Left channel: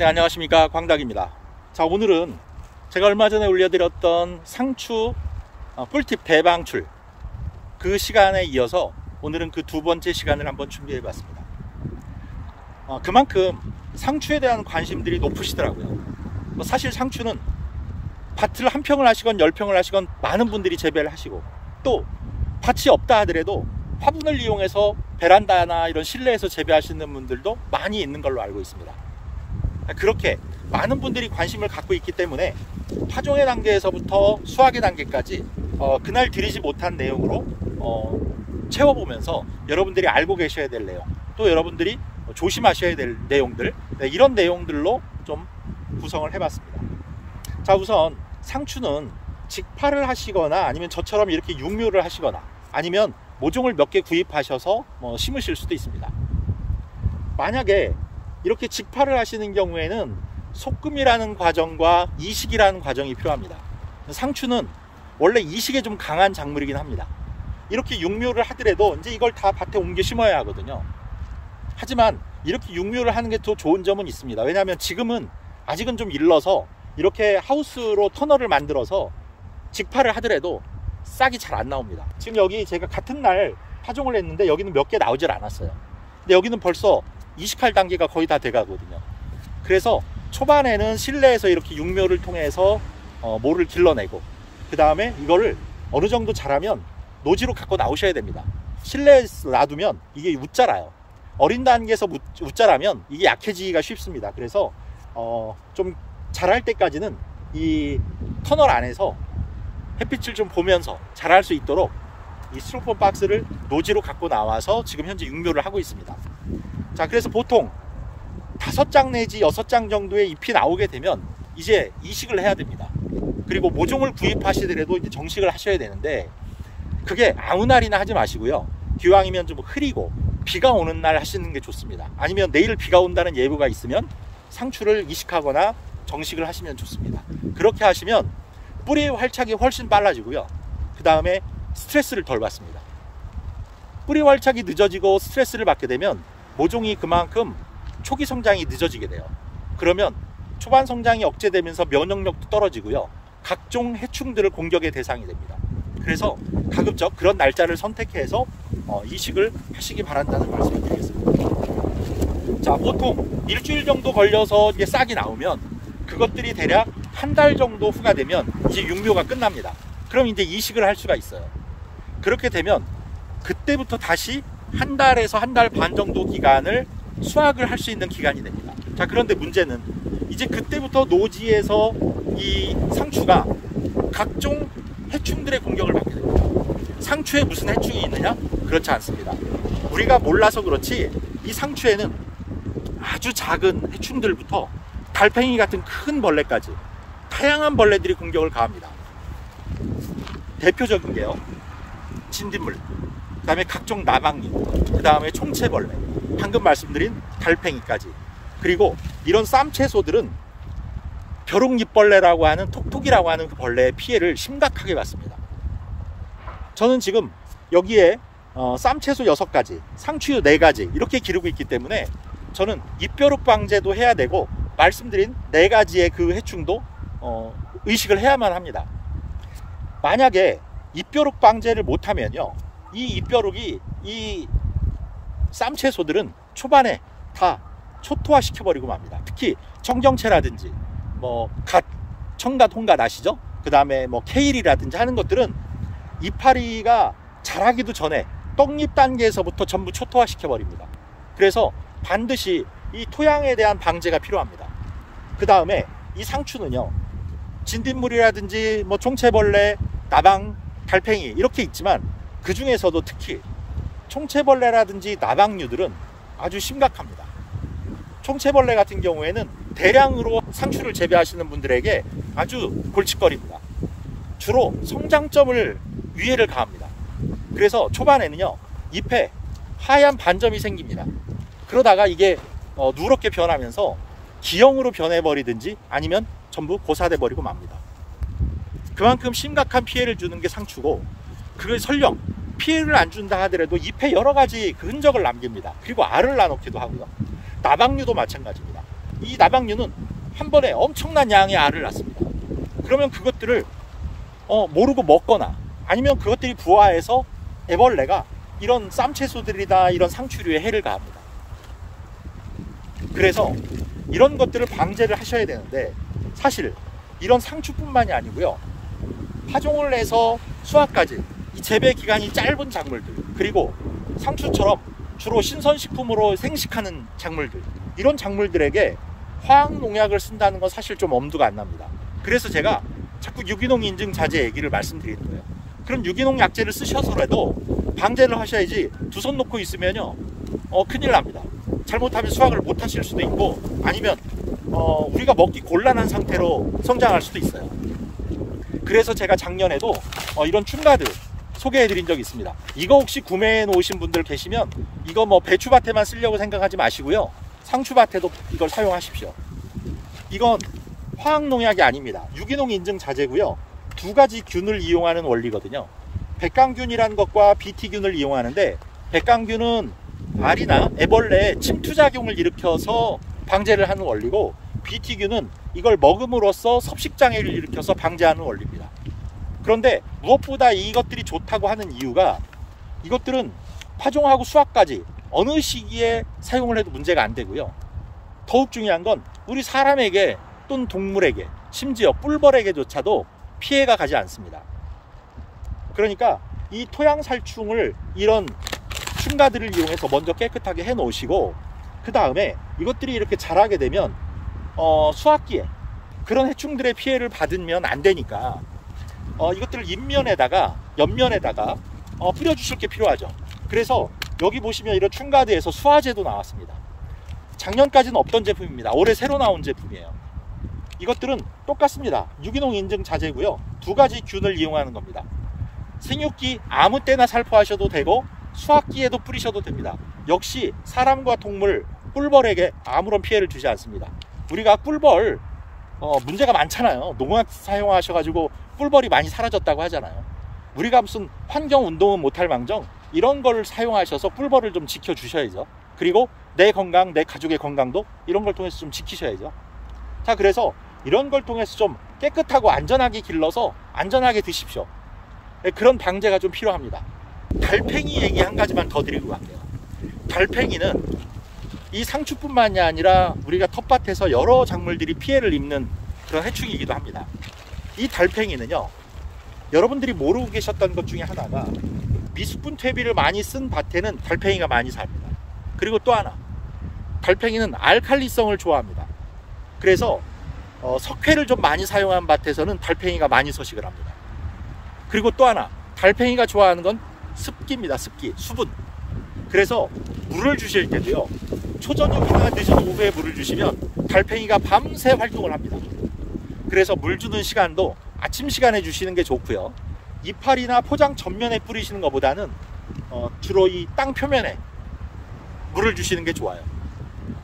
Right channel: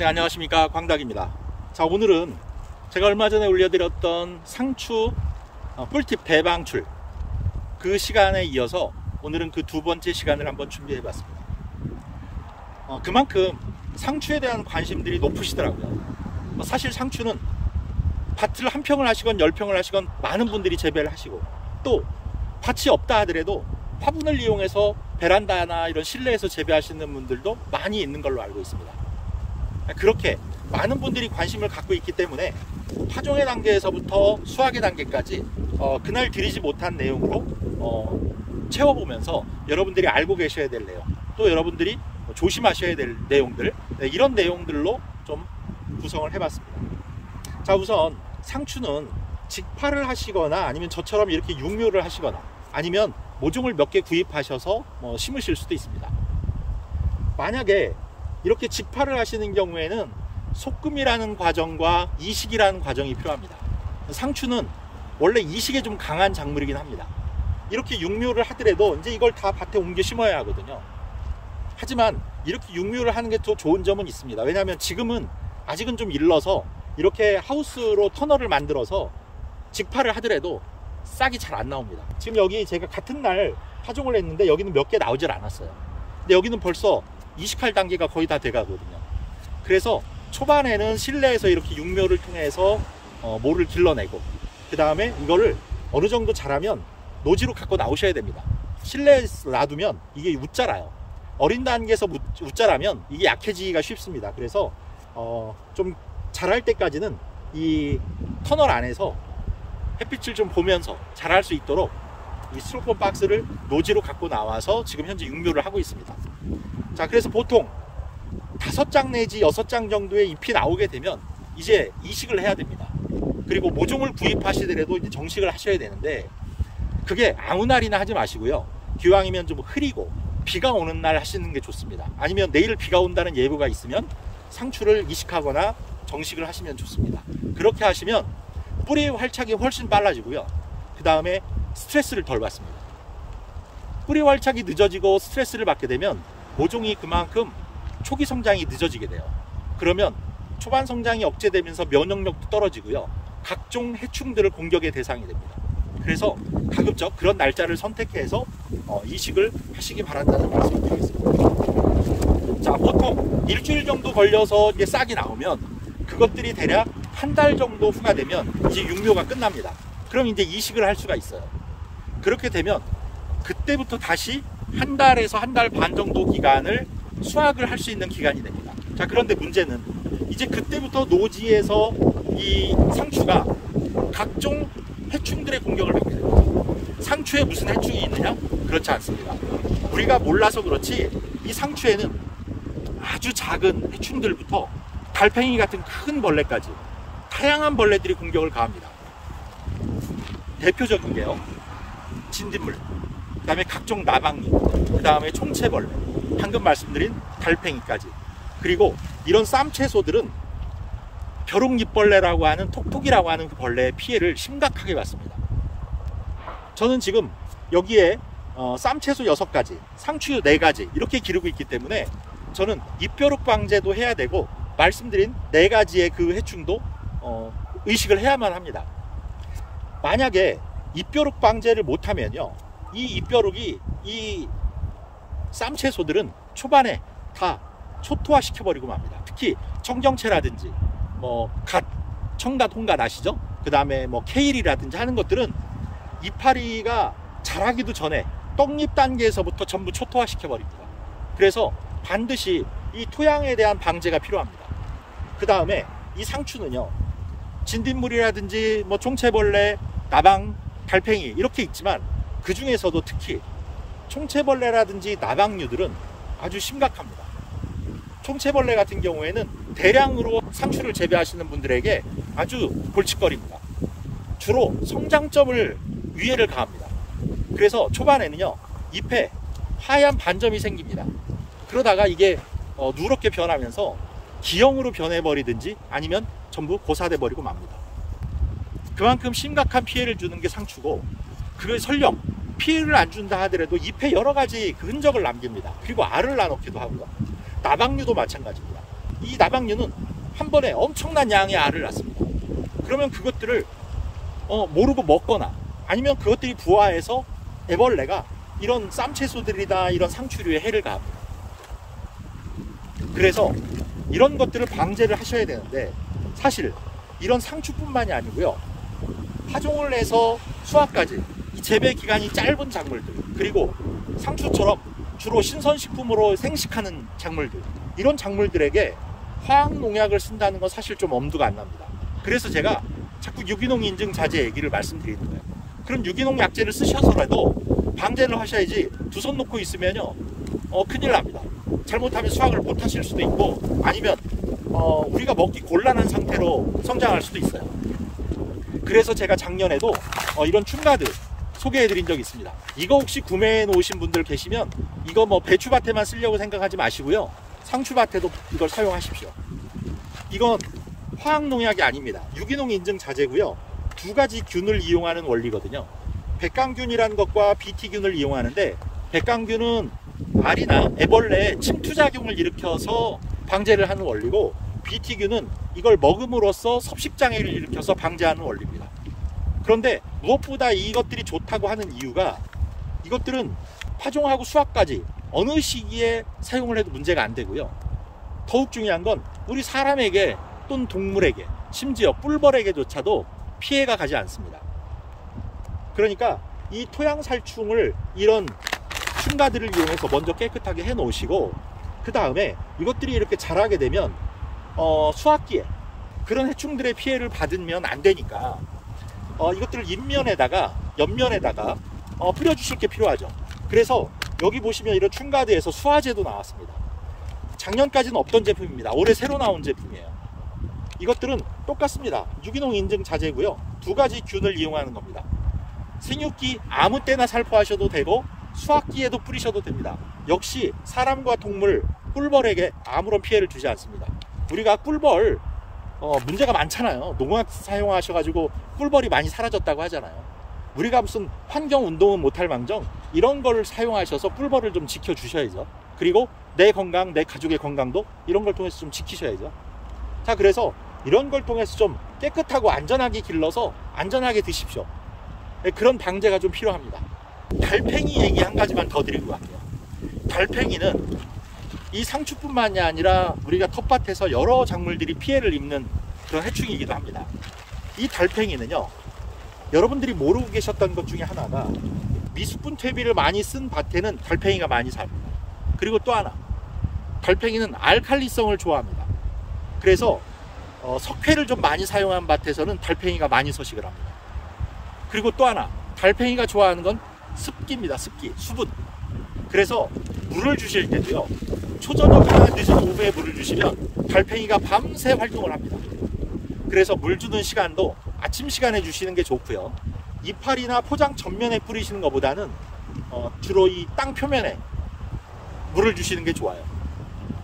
네, 안녕하십니까, 광닭입니다. 자, 오늘은 제가 얼마 전에 올려드렸던 상추 꿀팁 대방출 그 시간에 이어서 오늘은 그 두 번째 시간을 한번 준비해 봤습니다. 그만큼 상추에 대한 관심들이 높으시더라고요. 사실 상추는 밭을 한 평을 하시건 10평을 하시건 많은 분들이 재배를 하시고, 또 밭이 없다 하더라도 화분을 이용해서 베란다나 이런 실내에서 재배하시는 분들도 많이 있는 걸로 알고 있습니다. 그렇게 많은 분들이 관심을 갖고 있기 때문에 파종의 단계에서부터 수확의 단계까지 그날 드리지 못한 내용으로 채워보면서 여러분들이 알고 계셔야 될 내용, 또 여러분들이 조심하셔야 될 내용들, 이런 내용들로 좀 구성을 해봤습니다. 자, 우선 상추는 직파를 하시거나 아니면 저처럼 이렇게 육묘를 하시거나 아니면 모종을 몇 개 구입하셔서 심으실 수도 있습니다. 만약에 이렇게 직파를 하시는 경우에는 소금이라는 과정과 이식이라는 과정이 필요합니다. 상추는 원래 이식에 좀 강한 작물이긴 합니다. 이렇게 육묘를 하더라도 이제 이걸 다 밭에 옮겨 심어야 하거든요. 하지만 이렇게 육묘를 하는 게 더 좋은 점은 있습니다. 왜냐하면 지금은 아직은 좀 일러서 이렇게 하우스로 터널을 만들어서 직파를 하더라도 싹이 잘 안 나옵니다. 지금 여기 제가 같은 날 파종을 했는데 여기는 몇 개 나오질 않았어요. 근데 여기는 벌써 이식할 단계가 거의 다 돼가거든요. 그래서 초반에는 실내에서 이렇게 육묘를 통해서 모를 길러내고, 그 다음에 이거를 어느 정도 자라면 노지로 갖고 나오셔야 됩니다. 실내에서 놔두면 이게 웃자라요. 어린 단계에서 웃자라면 이게 약해지기가 쉽습니다. 그래서 좀 자랄 때까지는 이 터널 안에서 햇빛을 좀 보면서 자랄 수 있도록 이 스티로폼 박스를 노지로 갖고 나와서 지금 현재 육묘를 하고 있습니다. 자, 그래서 보통 5장 내지 6장 정도의 잎이 나오게 되면 이제 이식을 해야 됩니다. 그리고 모종을 구입하시더라도 이제 정식을 하셔야 되는데, 그게 아무 날이나 하지 마시고요. 기왕이면 좀 흐리고 비가 오는 날 하시는 게 좋습니다. 아니면 내일 비가 온다는 예보가 있으면 상추를 이식하거나 정식을 하시면 좋습니다. 그렇게 하시면 뿌리의 활착이 훨씬 빨라지고요. 그 다음에 스트레스를 덜 받습니다. 뿌리 활착이 늦어지고 스트레스를 받게 되면 모종이 그만큼 초기 성장이 늦어지게 돼요. 그러면 초반 성장이 억제되면서 면역력도 떨어지고요. 각종 해충들을 공격의 대상이 됩니다. 그래서 가급적 그런 날짜를 선택해서 이식을 하시기 바란다는 말씀을 드리겠습니다. 자, 보통 일주일 정도 걸려서 이게 싹이 나오면 그것들이 대략 한 달 정도 후가 되면 이제 육묘가 끝납니다. 그럼 이제 이식을 할 수가 있어요. 그렇게 되면 그때부터 다시 한 달에서 한 달 반 정도 기간을 수확을 할 수 있는 기간이 됩니다. 자, 그런데 문제는 이제 그때부터 노지에서 이 상추가 각종 해충들의 공격을 받게 됩니다. 상추에 무슨 해충이 있느냐? 그렇지 않습니다. 우리가 몰라서 그렇지 이 상추에는 아주 작은 해충들부터 달팽이 같은 큰 벌레까지 다양한 벌레들이 공격을 가합니다. 대표적인 게요, 진딧물, 그 다음에 각종 나방잎, 그 다음에 총채벌레, 방금 말씀드린 달팽이까지. 그리고 이런 쌈채소들은 벼룩잎벌레라고 하는 톡톡이라고 하는 그 벌레의 피해를 심각하게 받습니다. 저는 지금 여기에 쌈채소 6가지, 상추 4가지 이렇게 기르고 있기 때문에 저는 잎벼룩 방제도 해야 되고 말씀드린 4가지의 그 해충도 의식을 해야만 합니다. 만약에 잎벼룩 방제를 못하면요, 이 잎벼룩이 이 쌈채소들은 초반에 다 초토화 시켜버리고 맙니다. 특히 청경채라든지 갓, 청갓, 홍갓 아시죠? 그 다음에 케일이라든지 하는 것들은 이파리가 자라기도 전에 떡잎 단계에서부터 전부 초토화 시켜버립니다. 그래서 반드시 이 토양에 대한 방제가 필요합니다. 그 다음에 이 상추는요, 진딧물이라든지 총채벌레, 나방, 달팽이 이렇게 있지만 그 중에서도 특히 총채벌레라든지 나방류들은 아주 심각합니다. 총채벌레 같은 경우에는 대량으로 상추를 재배하시는 분들에게 아주 골칫거리입니다. 주로 성장점을 위해를 가합니다. 그래서 초반에는요, 잎에 하얀 반점이 생깁니다. 그러다가 이게 누렇게 변하면서 기형으로 변해버리든지 아니면 전부 고사돼 버리고 맙니다. 그만큼 심각한 피해를 주는 게 상추고, 그걸 설령 피해를 안 준다 하더라도 잎에 여러 가지 그 흔적을 남깁니다. 그리고 알을 낳기도 하고요. 나방류도 마찬가지입니다. 이 나방류는 한 번에 엄청난 양의 알을 낳습니다. 그러면 그것들을 모르고 먹거나 아니면 그것들이 부화해서 애벌레가 이런 쌈채소들이나 이런 상추류에 해를 가합니다. 그래서 이런 것들을 방제를 하셔야 되는데, 사실 이런 상추뿐만이 아니고요, 파종을 해서 수확까지 이 재배 기간이 짧은 작물들, 그리고 상추처럼 주로 신선식품으로 생식하는 작물들, 이런 작물들에게 화학농약을 쓴다는 건 사실 좀 엄두가 안 납니다. 그래서 제가 자꾸 유기농 인증 자재 얘기를 말씀드리는 거예요. 그럼 유기농 약재를 쓰셔서라도 방제를 하셔야지 두 손 놓고 있으면요, 큰일 납니다. 잘못하면 수확을 못 하실 수도 있고, 아니면 우리가 먹기 곤란한 상태로 성장할 수도 있어요. 그래서 제가 작년에도 이런 춘가드 소개해 드린 적이 있습니다. 이거 혹시 구매해 놓으신 분들 계시면 이거 뭐 배추밭에만 쓰려고 생각하지 마시고요, 상추밭에도 이걸 사용하십시오. 이건 화학농약이 아닙니다. 유기농 인증 자재고요, 두 가지 균을 이용하는 원리거든요. 백강균이라는 것과 BT균을 이용하는데, 백강균은 알이나 애벌레에 침투작용을 일으켜서 방제를 하는 원리고, BT균은 이걸 먹음으로써 섭식장애를 일으켜서 방제하는 원리입니다. 그런데 무엇보다 이것들이 좋다고 하는 이유가, 이것들은 파종하고 수확까지 어느 시기에 사용을 해도 문제가 안 되고요, 더욱 중요한 건 우리 사람에게 또는 동물에게, 심지어 뿔벌에게조차도 피해가 가지 않습니다. 그러니까 이 토양살충을 이런 춘가들을 이용해서 먼저 깨끗하게 해 놓으시고, 그 다음에 이것들이 이렇게 자라게 되면 수확기에 그런 해충들의 피해를 받으면 안 되니까 이것들을 잎면에다가 옆면에다가 뿌려 주실 게 필요하죠. 그래서 여기 보시면 이런 춘가드에서 수화제도 나왔습니다. 작년까지는 없던 제품입니다. 올해 새로 나온 제품이에요. 이것들은 똑같습니다. 유기농 인증 자재고요, 두 가지 균을 이용하는 겁니다. 생육기 아무 때나 살포하셔도 되고 수확기에도 뿌리셔도 됩니다. 역시 사람과 동물, 꿀벌에게 아무런 피해를 주지 않습니다. 우리가 꿀벌 문제가 많잖아요. 농약 사용하셔가지고 꿀벌이 많이 사라졌다고 하잖아요. 우리가 무슨 환경운동은 못할 망정 이런 걸 사용하셔서 꿀벌을 좀 지켜주셔야죠. 그리고 내 건강, 내 가족의 건강도 이런 걸 통해서 좀 지키셔야죠. 자, 그래서 이런 걸 통해서 좀 깨끗하고 안전하게 길러서 안전하게 드십시오. 네, 그런 방제가 좀 필요합니다. 달팽이 얘기 한 가지만 더 드리고 갈게요. 달팽이는 이 상추뿐만이 아니라 우리가 텃밭에서 여러 작물들이 피해를 입는 그런 해충이기도 합니다. 이 달팽이는요, 여러분들이 모르고 계셨던 것 중에 하나가, 미숙분 퇴비를 많이 쓴 밭에는 달팽이가 많이 삽니다. 그리고 또 하나, 달팽이는 알칼리성을 좋아합니다. 그래서 석회를 좀 많이 사용한 밭에서는 달팽이가 많이 서식을 합니다. 그리고 또 하나, 달팽이가 좋아하는 건 습기입니다. 습기, 수분. 그래서 물을 주실 때도요, 초저녁이나 늦은 오후에 물을 주시면 달팽이가 밤새 활동을 합니다. 그래서 물 주는 시간도 아침 시간에 주시는 게 좋고요, 이파리나 포장 전면에 뿌리시는 것보다는 주로 이 땅 표면에 물을 주시는 게 좋아요.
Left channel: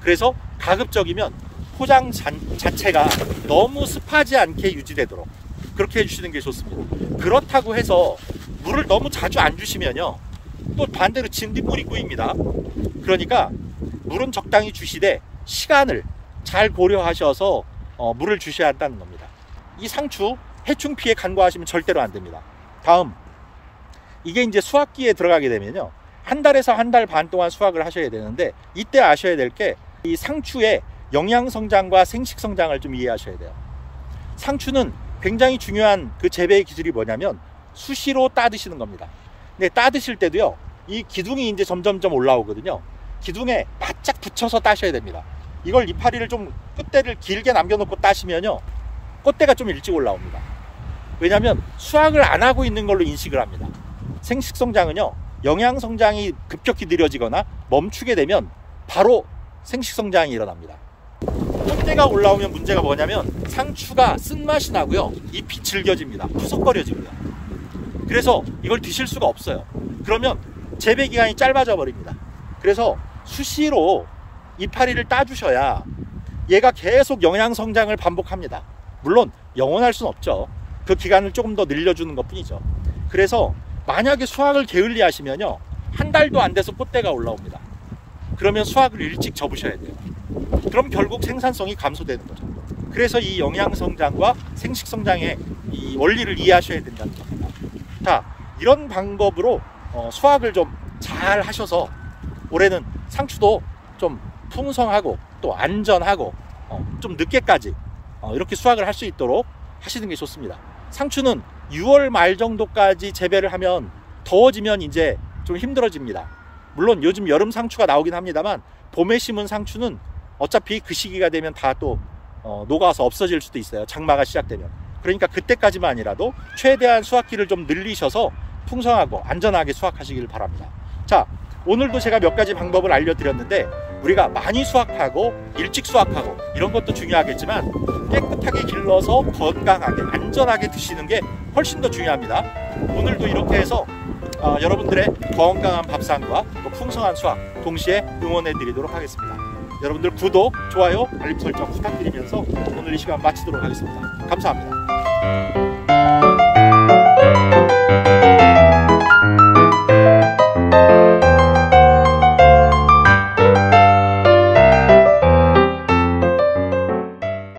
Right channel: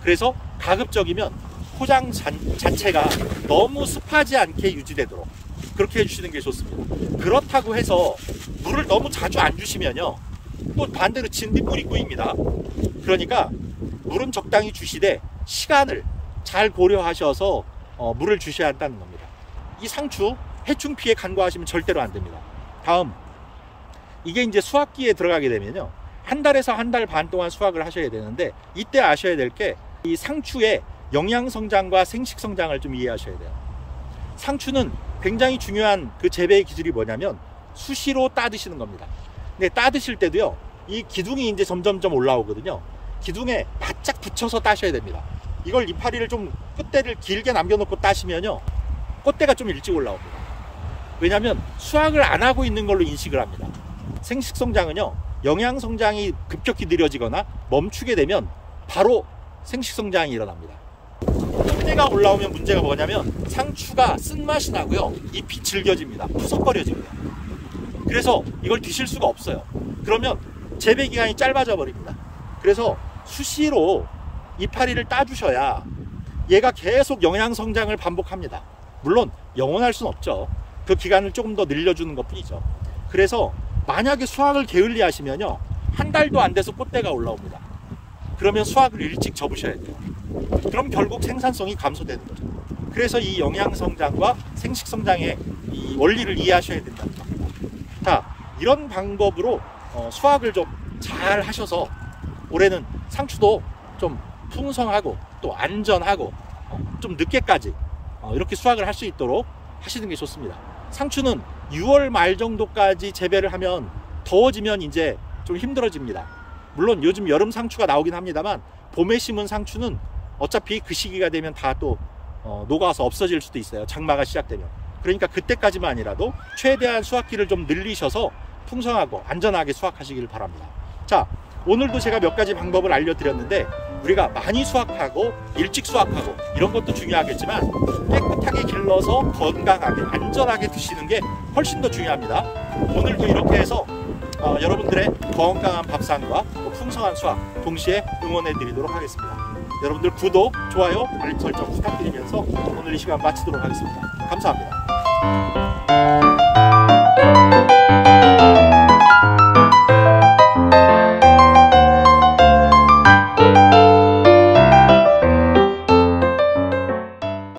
그래서 가급적이면 포장 자체가 너무 습하지 않게 유지되도록 그렇게 해주시는 게 좋습니다. 그렇다고 해서 물을 너무 자주 안 주시면요, 또 반대로 진딧물이 꼬입니다. 그러니까 물은 적당히 주시되 시간을 잘 고려하셔서 물을 주셔야 한다는 겁니다. 이 상추 해충 피해 간과하시면 절대로 안 됩니다. 다음, 이게 이제 수확기에 들어가게 되면요, 한 달에서 한 달 반 동안 수확을 하셔야 되는데, 이때 아셔야 될 게 이 상추의 영양 성장과 생식 성장을 좀 이해하셔야 돼요. 상추는 굉장히 중요한 그 재배의 기술이 뭐냐면 수시로 따드시는 겁니다. 근데 따드실 때도요, 이 기둥이 이제 점점점 올라오거든요. 기둥에 바짝 붙여서 따셔야 됩니다. 이걸 이파리를 좀 끝대를 길게 남겨놓고 따시면요, 꽃대가 좀 일찍 올라옵니다. 왜냐하면 수확을 안 하고 있는 걸로 인식을 합니다. 생식 성장은요, 영양 성장이 급격히 느려지거나 멈추게 되면 바로 생식 성장이 일어납니다. 꽃대가 올라오면 문제가 뭐냐면 상추가 쓴맛이 나고요, 잎이 질겨집니다. 푸석거려지고요. 그래서 이걸 드실 수가 없어요. 그러면 재배 기간이 짧아져 버립니다. 그래서 수시로 이파리를 따주셔야 얘가 계속 영양 성장을 반복합니다. 물론 영원할 수는 없죠. 그 기간을 조금 더 늘려주는 것 뿐이죠. 그래서 만약에 수확을 게을리 하시면요, 한 달도 안 돼서 꽃대가 올라옵니다. 그러면 수확을 일찍 접으셔야 돼요. 그럼 결국 생산성이 감소되는 거죠. 그래서 이 영양성장과 생식성장의 이 원리를 이해하셔야 된다는 겁니다. 자, 이런 방법으로 수확을 좀 잘 하셔서 올해는 상추도 좀 풍성하고 또 안전하고 좀 늦게까지 이렇게 수확을 할 수 있도록 하시는 게 좋습니다. 상추는 6월 말 정도까지 재배를 하면 더워지면 이제 좀 힘들어집니다. 물론 요즘 여름 상추가 나오긴 합니다만 봄에 심은 상추는 어차피 그 시기가 되면 다 또 녹아서 없어질 수도 있어요. 장마가 시작되면. 그러니까 그때까지만이라도 최대한 수확기를 좀 늘리셔서 풍성하고 안전하게 수확하시길 바랍니다. 자, 오늘도 제가 몇 가지 방법을 알려드렸는데 우리가 많이 수확하고 일찍 수확하고 이런 것도 중요하겠지만 깨끗하게 길러서 건강하게 안전하게 드시는 게 훨씬 더 중요합니다. 오늘도 이렇게 해서 여러분들의 건강한 밥상과 또 풍성한 수확 동시에 응원해 드리도록 하겠습니다. 여러분들 구독, 좋아요, 알림 설정 부탁드리면서 오늘 이 시간 마치도록 하겠습니다. 감사합니다.